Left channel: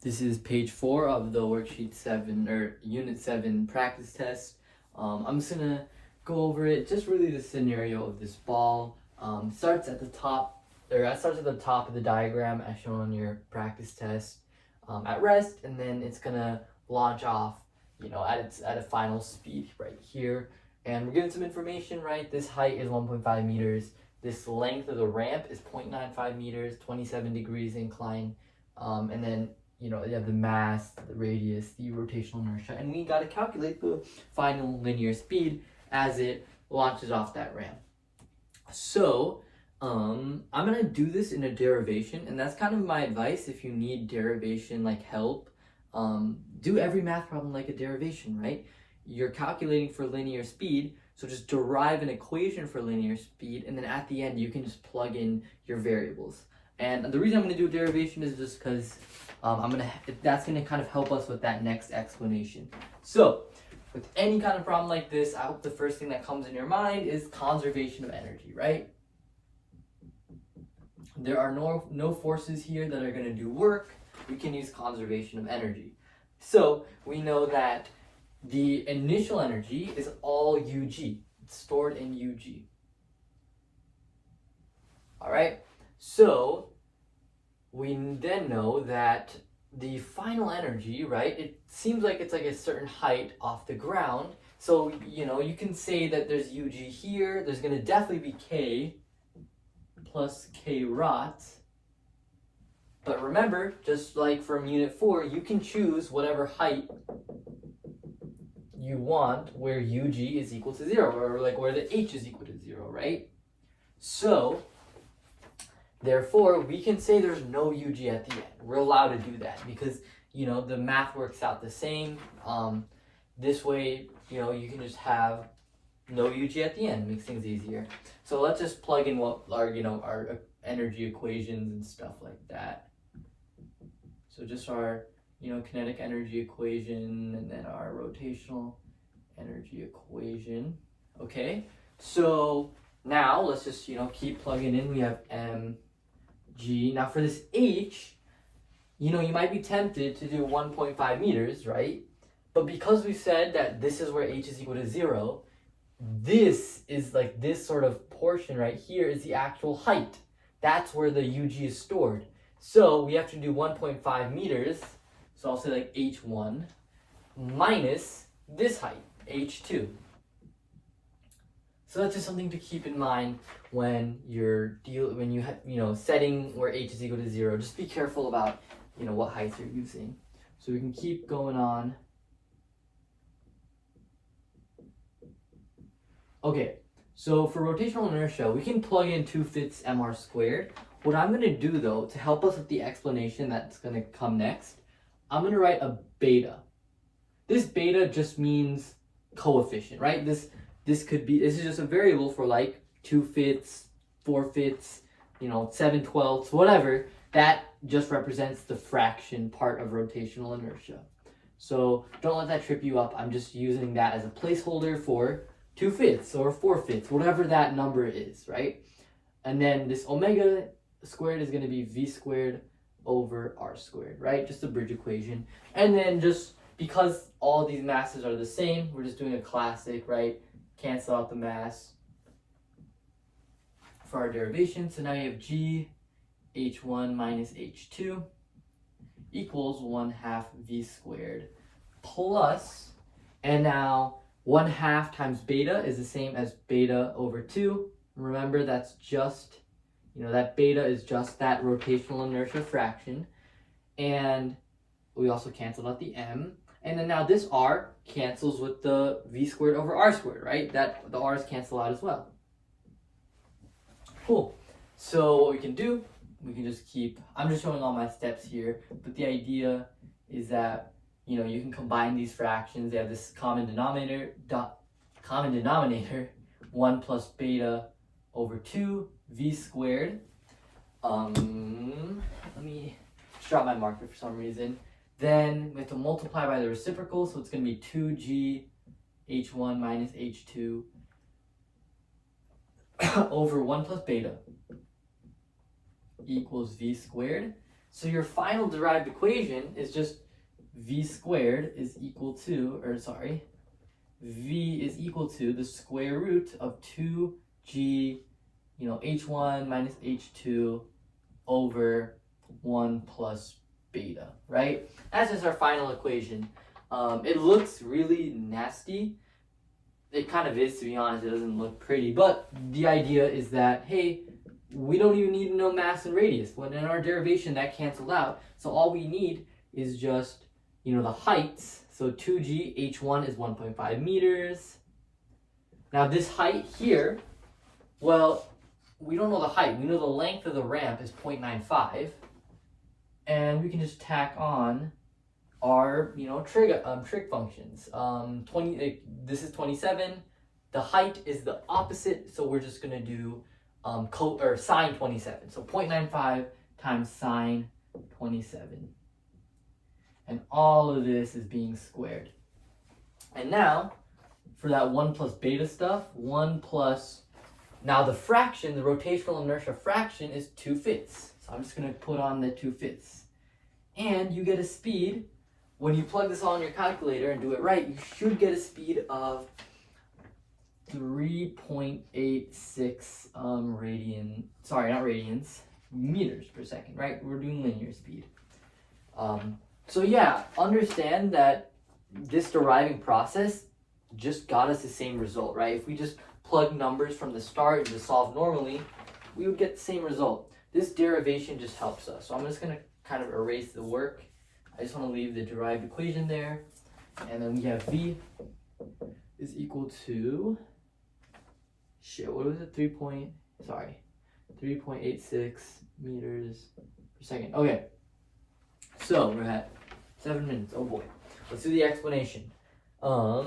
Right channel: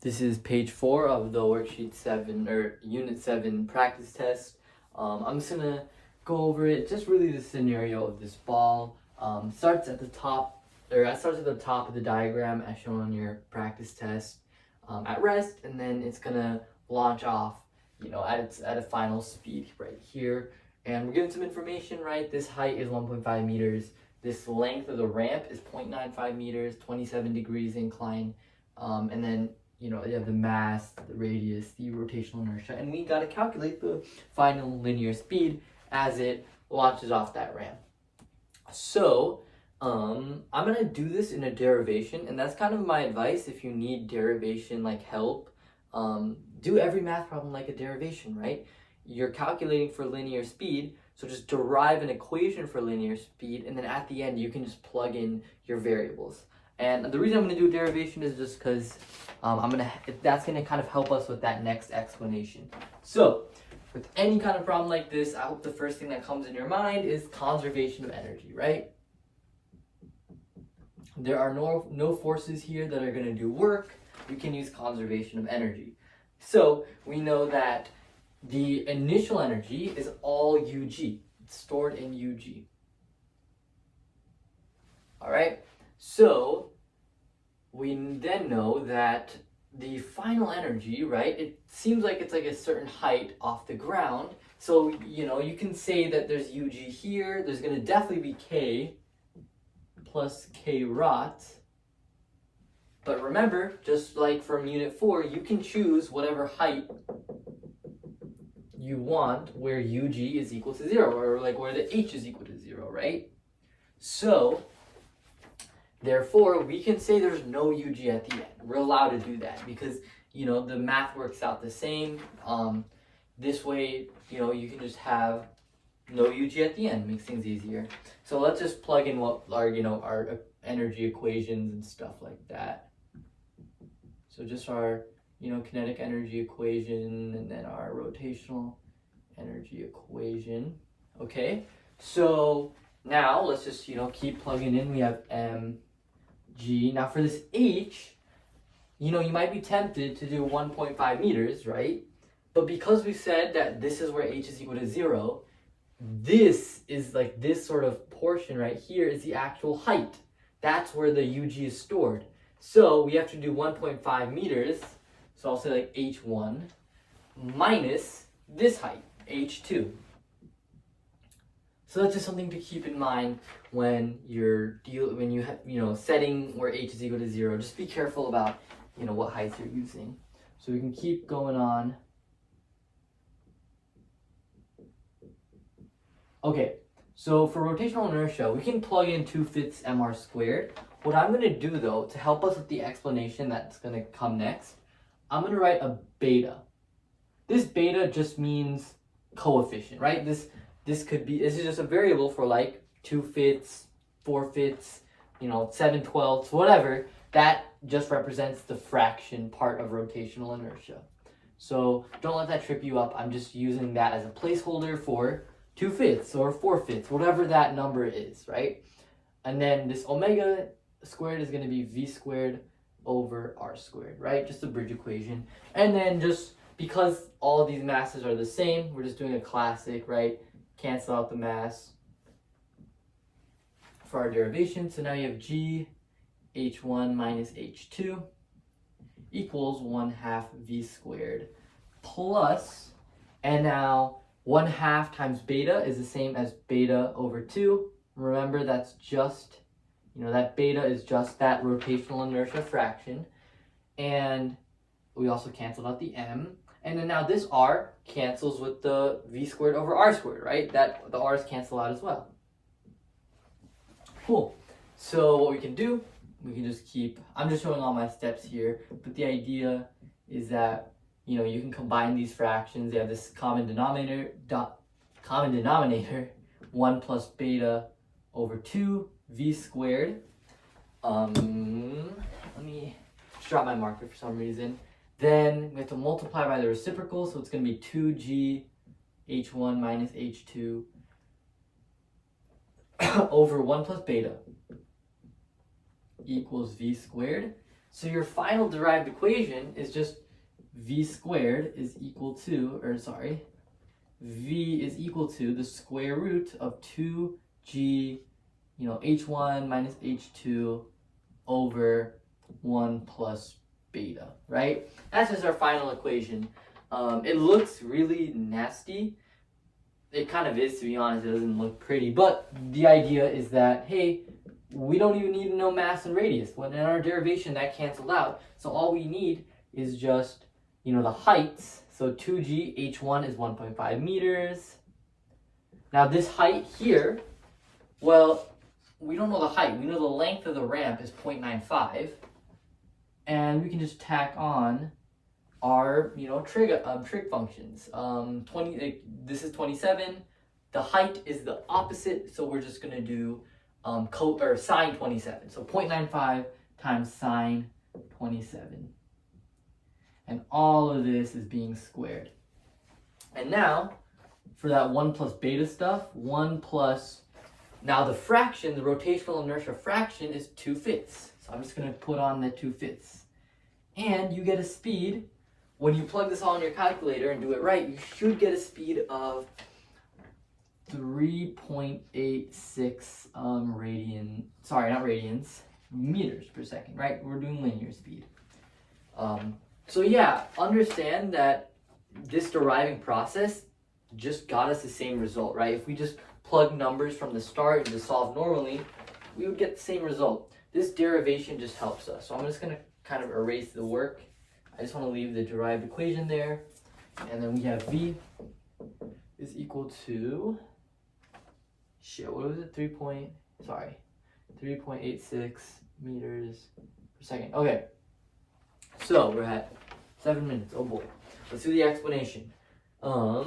This is page 4 of the worksheet 7 or unit 7 practice test. I'm just gonna go over it. Just really the scenario of this ball. Starts at the top, or it starts at the top of the diagram as shown on your practice test at rest, and then it's gonna launch off, at a final speed right here. And we're given some information, right? This height is 1.5 meters. This length of the ramp is 0.95 meters, 27 degrees incline, and then you have the mass, the radius, the rotational inertia, and we got to calculate the final linear speed as it launches off that ramp. So I'm gonna do this in a derivation, and that's kind of my advice. If you need derivation like help, do every math problem like a derivation, right? You're calculating for linear speed, so just derive an equation for linear speed, and then at the end you can just plug in your variables. And the reason I'm going to do a derivation is just because that's going to kind of help us with that next explanation. So with any kind of problem like this, I hope the first thing that comes in your mind is conservation of energy, right? There are no forces here that are going to do work. We can use conservation of energy. So we know that the initial energy is all UG. It's stored in UG. All right. So we then know that the final energy, right? It seems like it's like a certain height off the ground. So, you can say that there's UG here. There's going to definitely be K plus K rot. But remember, just like from unit 4, you can choose whatever height you want where UG is equal to 0, or like where the H is equal to 0, right? So therefore, we can say there's no UG at the end. We're allowed to do that because, the math works out the same. This way, you can just have no UG at the end. Makes things easier. So let's just plug in what our, our energy equations and stuff like that. So just our, kinetic energy equation and then our rotational energy equation. Okay, so now let's just, keep plugging in. We have mg. Now for this h, you might be tempted to do 1.5 meters, right? But because we said that this is where h is equal to 0, this is like this sort of portion right here is the actual height. That's where the UG is stored. So we have to do 1.5 meters. So I'll say like h1 minus this height, h2. So that's just something to keep in mind when you're setting where h is equal to 0. Just be careful about what heights you're using. So we can keep going on. Okay, so for rotational inertia, we can plug in 2/5 mr squared. What I'm going to do though, to help us with the explanation that's going to come next, I'm going to write a beta. This beta just means coefficient, right? This is just a variable for like 2/5, 4/5, 7/12, whatever. That just represents the fraction part of rotational inertia. So don't let that trip you up. I'm just using that as a placeholder for 2/5 or 4/5, whatever that number is, right? And then this omega squared is going to be v squared over r squared, right? Just a bridge equation. And then just because all these masses are the same, we're just doing a classic, right? Cancel out the mass for our derivation. So now you have g h1 minus h2 equals 1/2 v squared plus, and now 1/2 times beta is the same as beta over 2. Remember, that's just, that beta is just that rotational inertia fraction. And we also canceled out the m. And then now this r cancels with the v squared over r squared, right? That the r's cancel out as well. Cool. So what we can do, we can just keep, I'm just showing all my steps here, but the idea is that, you can combine these fractions. They have this common denominator, 1 plus beta over 2 v squared. Let me drop my marker for some reason. Then we have to multiply by the reciprocal, so it's going to be 2g h1 minus h2 over 1 plus beta equals v squared. So your final derived equation is just v squared is equal to, v is equal to the square root of 2g, h1 minus h2 over 1 plus beta, right? That's just our final equation. It looks really nasty. It kind of is, to be honest. It doesn't look pretty, but the idea is that, hey, we don't even need to know mass and radius. When in our derivation, that canceled out. So all we need is just, the heights. So 2g, h1 is 1.5 meters. Now this height here, well, we don't know the height. We know the length of the ramp is 0.95. And we can just tack on our, trig functions. This is 27. The height is the opposite, so we're just gonna do sine 27. So 0.95 times sine 27. And all of this is being squared. And now, for that 1 plus beta stuff, 1 plus, now the fraction, the rotational inertia fraction is 2/5. So I'm just gonna put on the 2/5. And you get a speed, when you plug this all in your calculator and do it right, you should get a speed of 3.86 meters per second, right? We're doing linear speed. So yeah, understand that this deriving process just got us the same result, right? If we just plug numbers from the start and to solve normally, we would get the same result. This derivation just helps us. So I'm just gonna kind of erase the work. I just want to leave the derived equation there. And then we have v is equal to, what was it? 3.86 meters per second. Okay. So we're at 7 minutes. Oh boy. Let's do the explanation. Now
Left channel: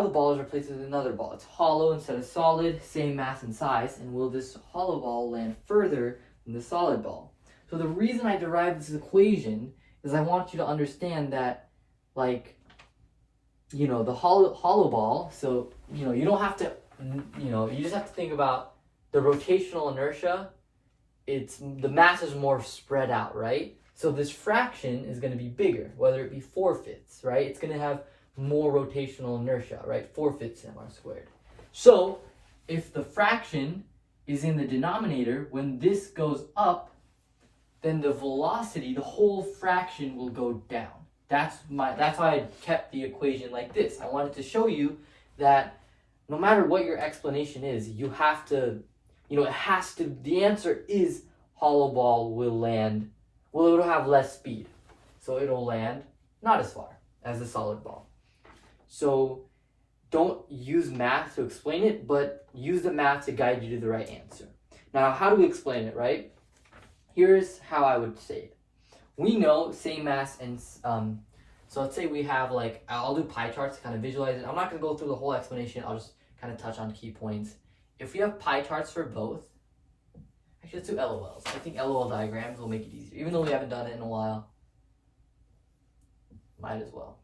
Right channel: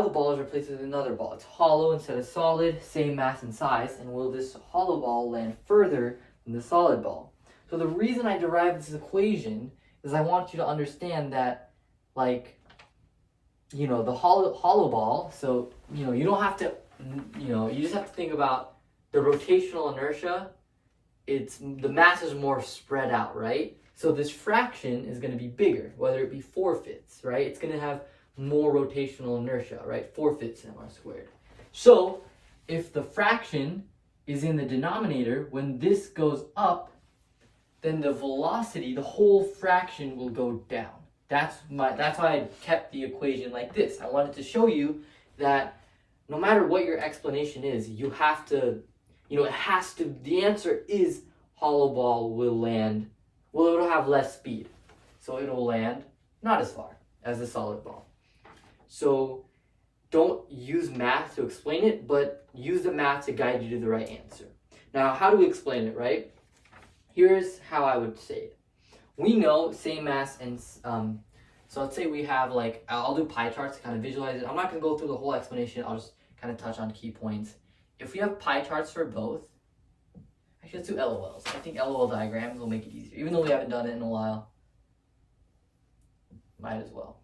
the ball is replaced with another ball. It's hollow instead of solid, same mass and size. And will this hollow ball land further than the solid ball? So the reason I derived this equation is I want you to understand that, the hollow ball, so, you don't have to, you just have to think about the rotational inertia. The mass is more spread out, right? So this fraction is going to be bigger, whether it be 4/5, right? It's going to have more rotational inertia, right? 4/5 mr squared. So if the fraction is in the denominator, when this goes up, then the velocity, the whole fraction will go down. That's why I kept the equation like this. I wanted to show you that no matter what your explanation is, you have to, the answer is hollow ball will land, it'll have less speed. So it'll land not as far as the solid ball. So don't use math to explain it, but use the math to guide you to the right answer. Now, how do we explain it, right? Here's how I would say it. We know same mass and, so let's say we have I'll do pie charts to kind of visualize it. I'm not going to go through the whole explanation. I'll just kind of touch on key points. If we have pie charts for both, actually let's do LOLs. I think LOL diagrams will make it easier. Even though we haven't done it in a while, might as well.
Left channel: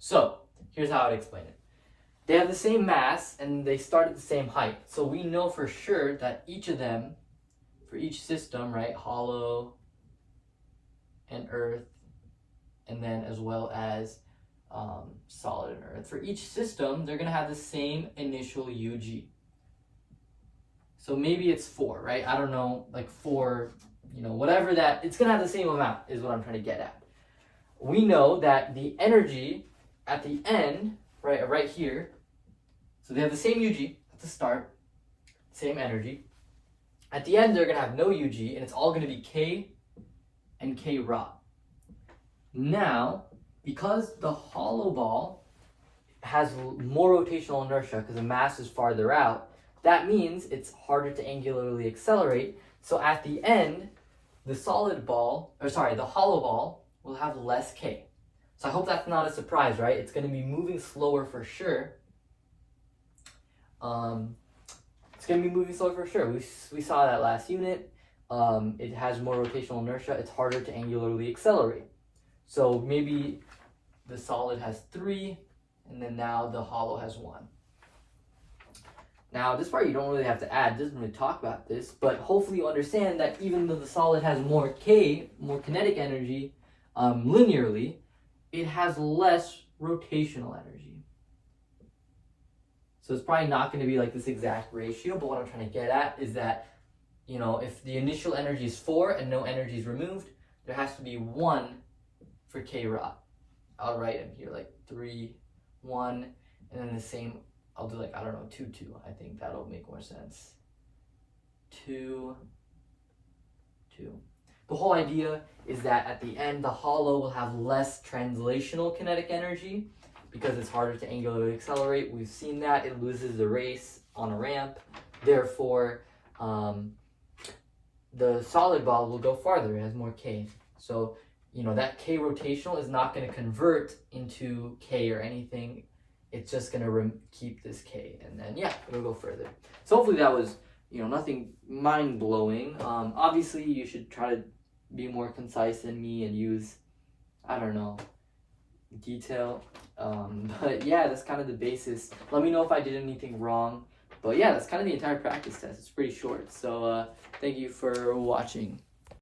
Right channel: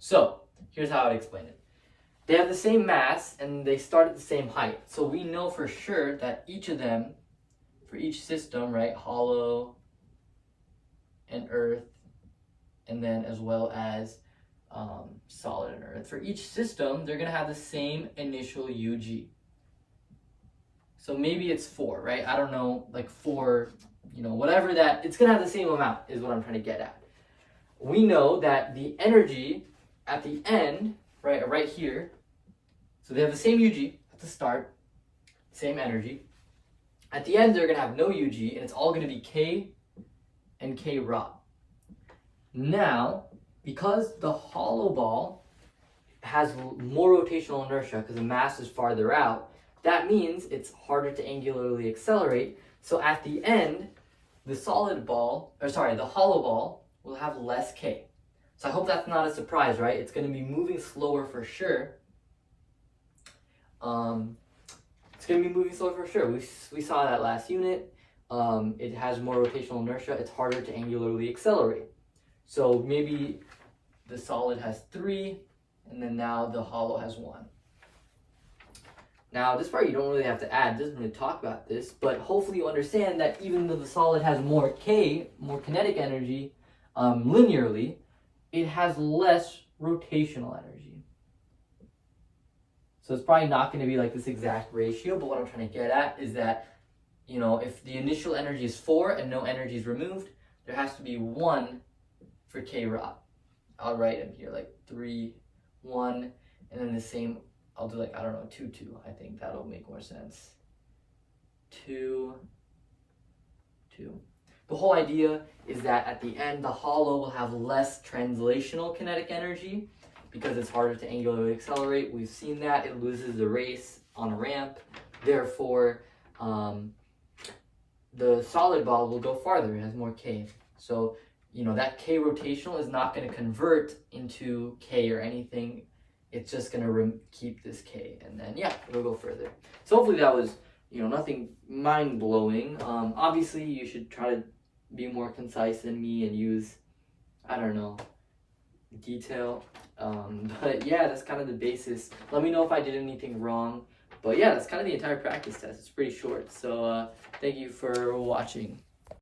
So here's how I'd explain it. They have the same mass and they start at the same height. So we know for sure that each of them, for each system, right, hollow and earth, and then as well as solid and earth, for each system, they're going to have the same initial UG. So maybe it's 4, right? I don't know, 4, whatever that, it's going to have the same amount is what I'm trying to get at. We know that the energy at the end, right here, so they have the same UG at the start, same energy. At the end, they're going to have no UG, and it's all going to be K and K rho. Now, because the hollow ball has more rotational inertia because the mass is farther out, that means it's harder to angularly accelerate. So at the end, the hollow ball will have less K. So I hope that's not a surprise, right? It's going to be moving slower for sure. It's going to be moving slower for sure. We saw that last unit. It has more rotational inertia. It's harder to angularly accelerate. So maybe the solid has 3, and then now the hollow has 1. Now, this part you don't really have to add, it doesn't really talk about this, but hopefully you understand that even though the solid has more K, more kinetic energy, linearly, it has less rotational energy. So it's probably not going to be like this exact ratio, but what I'm trying to get at is that, you know, if the initial energy is 4 and no energy is removed, there has to be 1 for K rho. I'll write in here like 3, 1, and then the same, I'll do like, I don't know, 2, 2. I think that'll make more sense. 2, 2. The whole idea is that at the end, the hollow will have less translational kinetic energy because it's harder to angularly accelerate. We've seen that. It loses the race on a ramp. Therefore, the solid ball will go farther. It has more K. So, you know, that K rotational is not going to convert into K or anything. It's just going to keep this K. And then, yeah, it'll go further. So hopefully that was, you know, nothing mind-blowing. Obviously, you should try to be more concise than me and use, I don't know, detail. But yeah, that's kind of the basis. Let me know if I did anything wrong. But yeah, that's kind of the entire practice test. It's pretty short. So thank you for watching.